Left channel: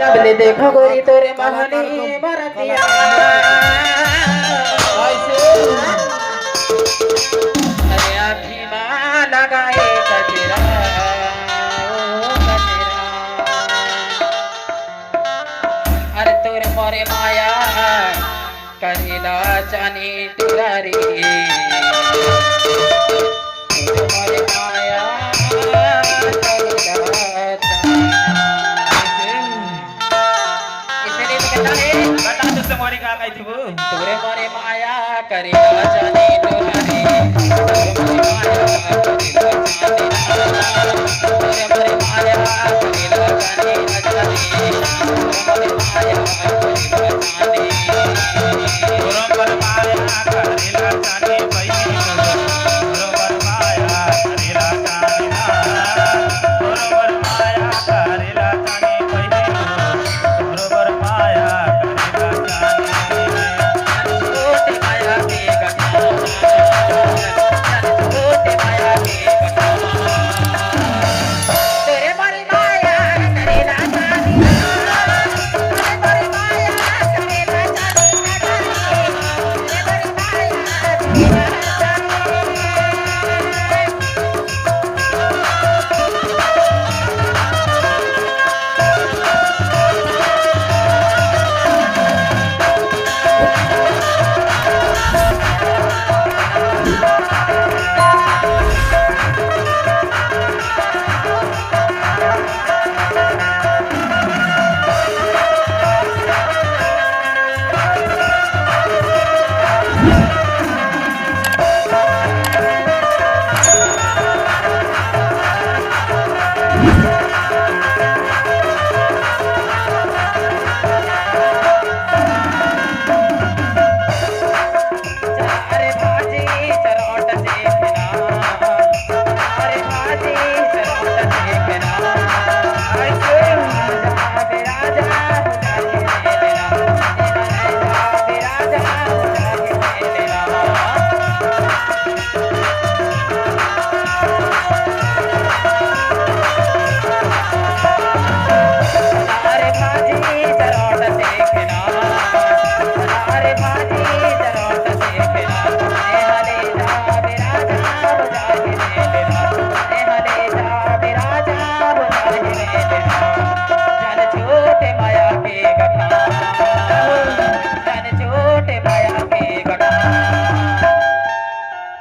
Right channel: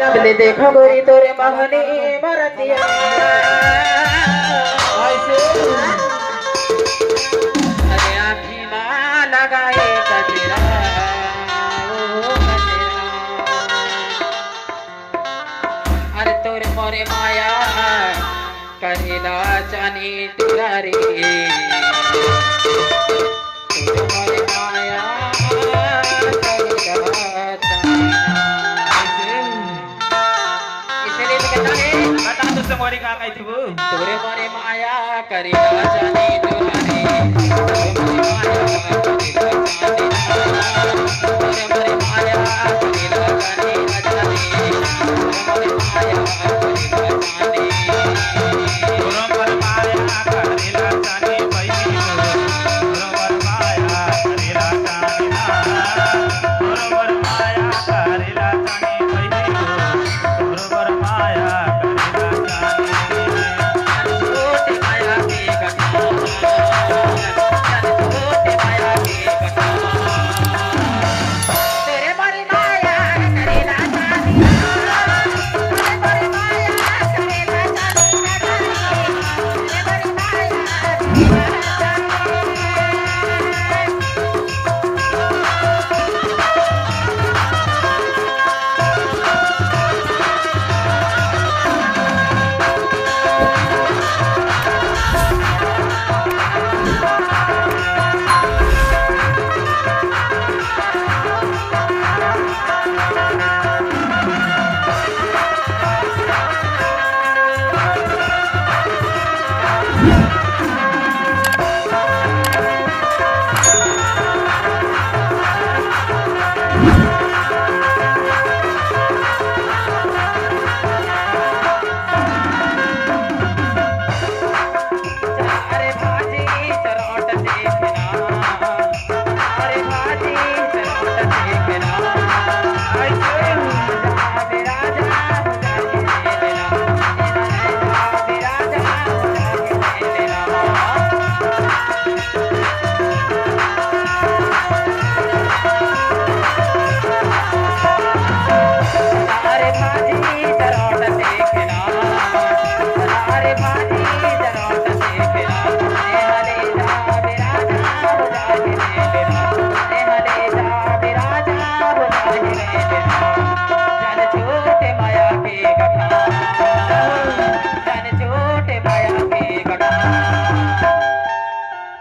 सबने देखा गोरी तोरे महनी भरतिया अरे आँखी माँ लगाए कजरा ओ कजरा अरे तोरे मोरे माया करेला जानी तेरा रे तोरे मोरे माया तोरे मोरे माया करेला जाने तोरे मोरे माया करेला जाने तोरे मोरे माया करेला जाने तोरे मोरे माया करेला जाने तोरे मोरे माया करेला जाने भाई तोरे मोरे माया करेला जाने तोरे मोरे माया करेला जाने भाई तोरे मोरे माया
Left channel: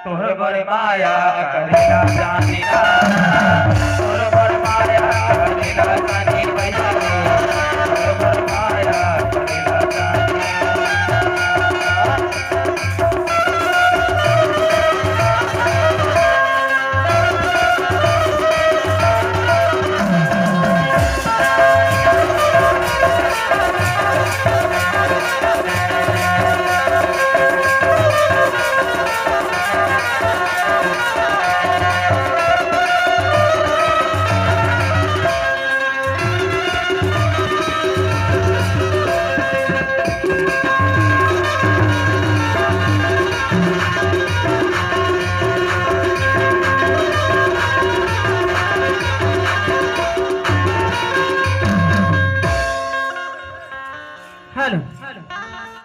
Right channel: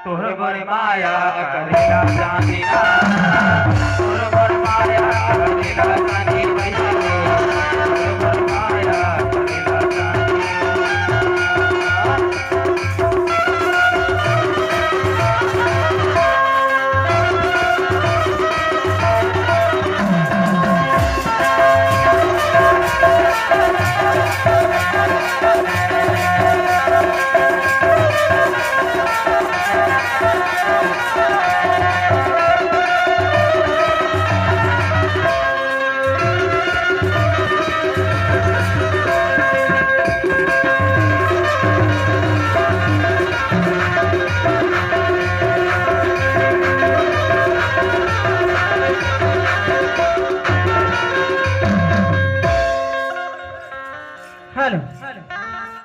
तोरे मोरे माया करेला जाने